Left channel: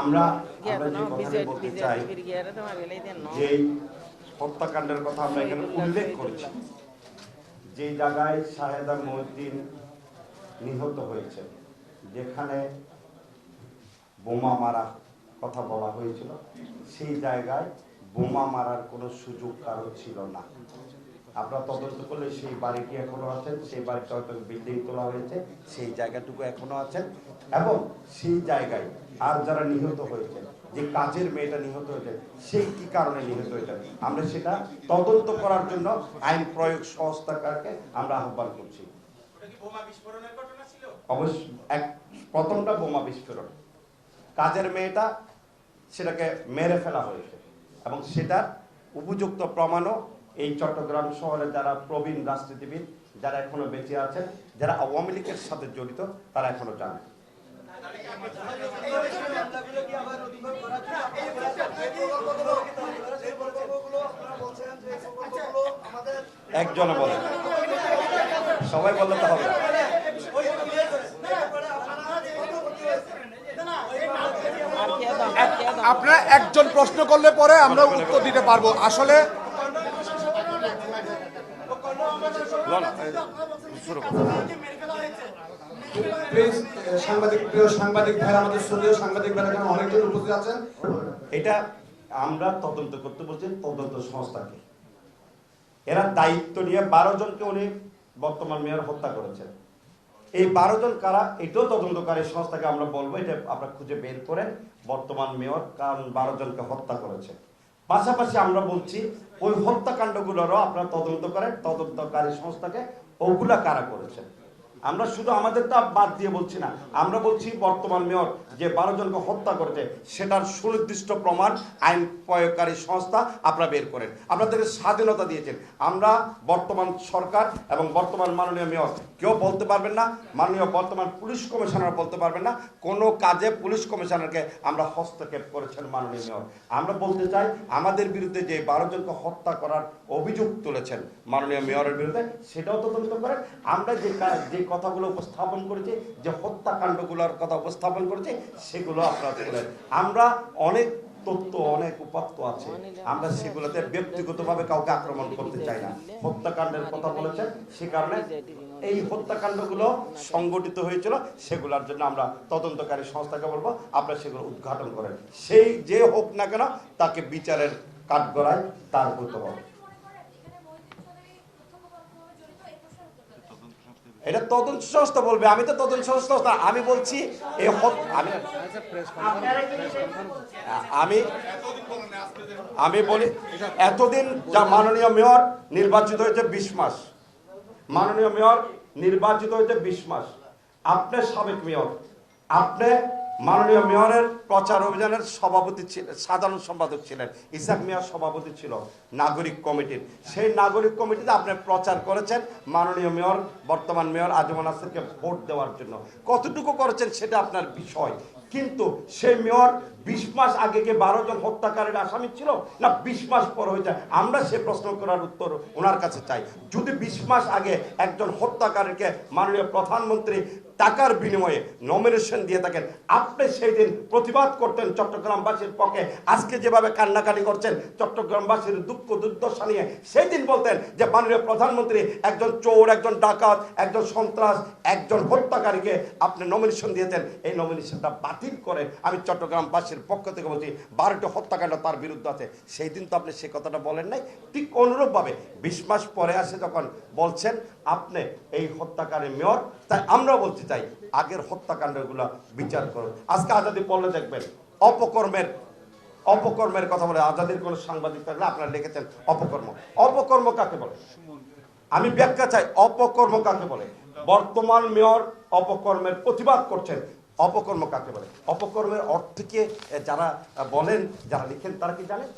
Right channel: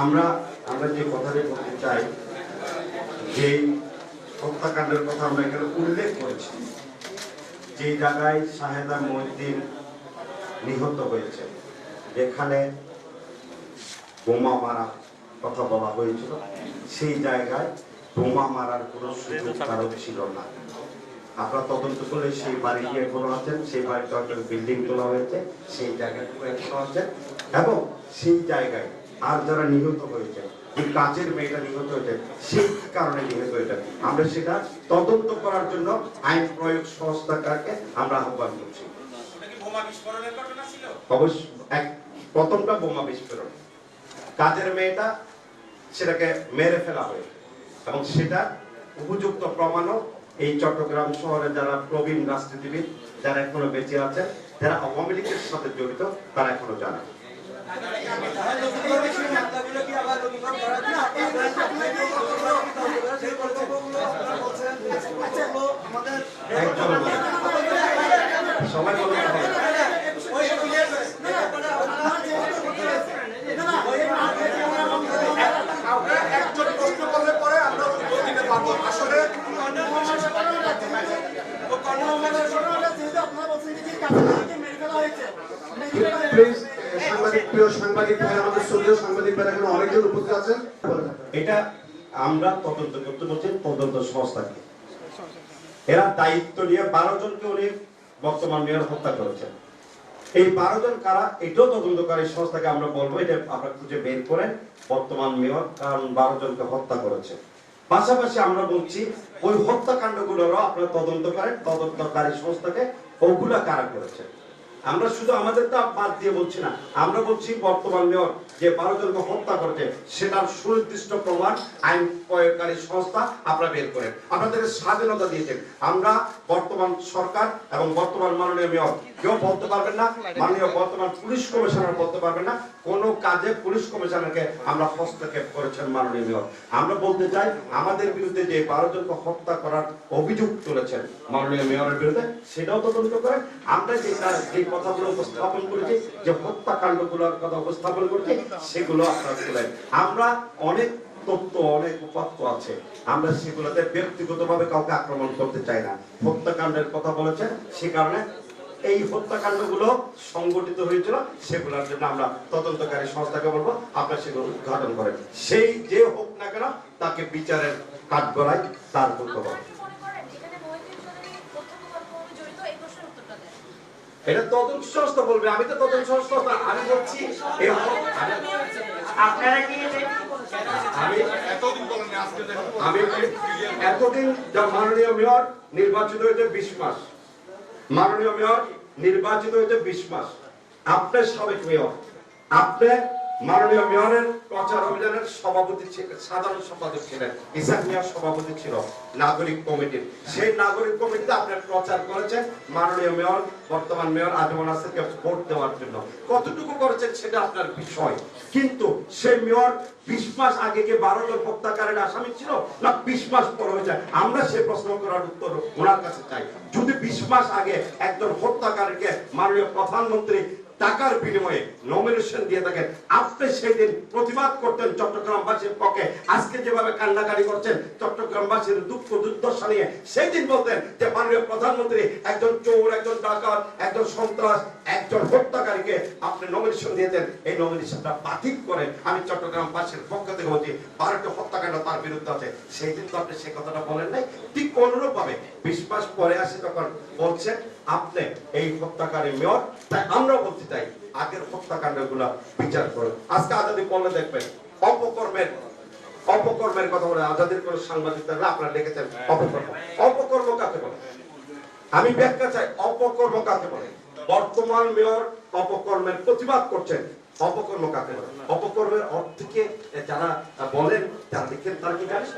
আমরা আমরা যে কথাটা বলতে চাই, যে হত্যাকাণ্ডের কথা আমরা এখানে উল্লেখ করেছি, যে জায়গায় শাহেদা মহিউদ্দিন নিহত হয়েছে, যেখানে বোমা মারা কথা বলা হয়েছিল, সেই জায়গায় বোমা মারার কোনো সুযোগ কারও ছিল না। আপনারা তদন্ত করলে সেই বাড়িটি এখনও আছেন, সেই একটা বিল্ডিং তোলা হয়েছে, সেই জায়গাটুকু এখনও আছে এবং সেই জায়গায় আর যারা নিহত হয়েছে, যে কাজের মেয়েটা নিহত হয়েছে সেই কি কারণে নিহত হয়েছে? আমরা সেটা তদন্ত করার জন্য আইন প্রয়োগ সংস্থাকে আমরা আহ্বান করছি। অবশ্য এক, প্রথমটা বোমা বিস্ফোরণ। কাজের মেয়েটা সেটাকে মেরে ফেলা হয়েছে এবং সেটা উপযুক্ত প্রমাণও এই চট্টগ্রাম শহরে যারা প্রবীণ রাজনীতিবিদ যারা এখনও বেঁচে আছেন, যারা আওয়ামী লীগের সাথে জড়িত, তারা এখনও জানে। আপনারা একজন প্রশ্ন করলে পরে আমরা উত্তর দিতে পারব। আসলে সাংবাদিক সাংবাদিক সাংবাদিক এটা আমরা তদন্ত করতে বলছি তদন্ত সংস্থাকে। এরা দায়িত্ব নিয়ে বারো জনকে উনি বর্তমান মেয়র হত্যা করেছেন। এই বারো জন কারা, এটাও তদন্তকারী সংস্থাকে আমরা বলব, এটা আপনার খুঁজে বের করে বর্তমান মেয়র কারণ বারো জনকে হত্যা করেছে। পাশাপাশি আমরা বলছি, ওই হত্যাকাণ্ডগুলোরও আপনারা তদন্ত করেন, তদন্তকারী সংস্থাকে ওগুলা কারা করেছে। আমরা শুধু আমাদের তো বাদ দিয়ে বলছি না। আমরা বলছি বর্তমান মেয়র যে বারো জনকে হত্যা করেছে, সেটার সুনির্দিষ্ট প্রমাণ আইন প্রয়োগকারী সংস্থা আপনারা বের করেন। আপনাদের স্বাধীনতা দিয়েছেন। আমরা বর্তমান সরকার এবং বর্তমান মাননীয় মেয়র কেউ বলতে পারবেন না, মাননীয় বর্তমান পুলিশ কমিশনার বলতে পারবেন না। কোন কাজে পুলিশ কমিশনারকে আমরা হস্তক্ষেপ করেছেন মাননীয় মেয়র। আমরা বলতে চাই, আমাদের বিরুদ্ধে যে বারো জনকে হত্যা করার অভিযোগ তুলেছেন মাননীয় মেয়রের বিরুদ্ধে, সেটাও তদন্ত করেন। আমরা যে কাজ যে কথাগুলো উপস্থাপন করেছি, যে হত্যাকাণ্ডগুলোর কথা উপস্থাপন করেছি, সেগুলো আপনারা তুলেন আমরা অনেক অনেক উপাত্ত আছে। আমরা সেগুলোতে কাউকে আক্রমণ করতে চাই না। হত্যাকাণ্ডের কথা বলেছেন, সে কারণে এই সংগঠিত হয়েছিল, সেগুলোর জন্য আমরা তদন্তকারী সংস্থাকে বলব, আপনারা সেগুলো উদ্ঘাটন করেন। সেই যে হোক না কেন, তাকে বিচারের কাঠগড়ায় তার এটা তদন্ত সংস্থা বলবে আমি তো তদন্ত সংস্থা আমি বলছি এই হত- আমি আমি আমি বলি এতদিন যা মাননীয় মেয়র নির্বাচিত হয়েছে বিশ মাস। মাননীয় মেয়র নির্বাচিত হয়েছে বিশ মাস। আপনি সাবেক মেয়র আপনি মাননীয় মেয়রের প্রচার অভিযানের সভাপতি সাধারণ সম্পাদক ছিলেন, ইসাক মেয়র সভাপতি ছিল নাগরিক কমিটির সেই নাগরিক কমিটিতে আপনি প্রচার করেছেন, মাননীয় মেয়র, বর্তমান মেয়র আজমান আসিফকে ভোট দেওয়ার জন্য। কতটুকু করেছেন সেটা আপনার বিষয়। কিন্তু সেই মেয়র বিশ মাস আগে যে বারো জন হত্যাকারীর আসামি ছিল, না বিশ মাস পর হয়েছে। আমরা সে প্রশ্ন করার উত্তর ওনার কাছে চাই। যদি বিশ মাস আগে একজন হত্যাকারীকে মাননীয় প্রধানমন্ত্রী টাকার বিনিময়ে নমিনেশন দিয়ে থাকেন। আপনি সেদিন প্রতিবাদ করতেন চট্টগ্রামবাসীর পক্ষে। আজকে যেভাবে কান্নাকাটি করছেন, চট্টগ্রামবাসীর দুঃখ দুর্দশা নিয়ে সেই দিন বলতেন যে, মাননীয় প্রধানমন্ত্রী একজন চোর, একজন ডাকাত, একজন সন্ত্রাস, একজন হত্যাকারীকে আপনি নমিনেশন দিয়েছেন। এই নমিনেশনটা বাতিল করে আমি চট্টগ্রামবাসীর পক্ষ থেকে বলছি, বারোটা হত্যাকাণ্ড তার বিরুদ্ধে আছে। সেই দিন তো আপনি সে কথাটা বলেন নাই। ঠিক অনুরূপ ভাবে বিশ মাস পরে আসে তখন বলছেন, আপনি এই হত্যাকারী মেয়র। তাই আমরা বলতে চাই আগের হত্যাকাণ্ড বিচার করুন। আজকে আজাদি দেখবেন, অপকর্মের অপকর্মের কথা বলে আজাদির কোন সাংবাদিক আপনারা লিখেছেন অপকর্ম। অপকর্ম কাকে বলে? আমি ব্যাখ্যা চাই, অপকর্ম কাকে বলে? বর্তমান মেয়র অপকর্মের প্রতিবাদ করছেন, অপকর্ম কাকে বলে? অপকর্মের অর্থ কি? যারা বলেন, যারা লিখেন, তারা কি জানেন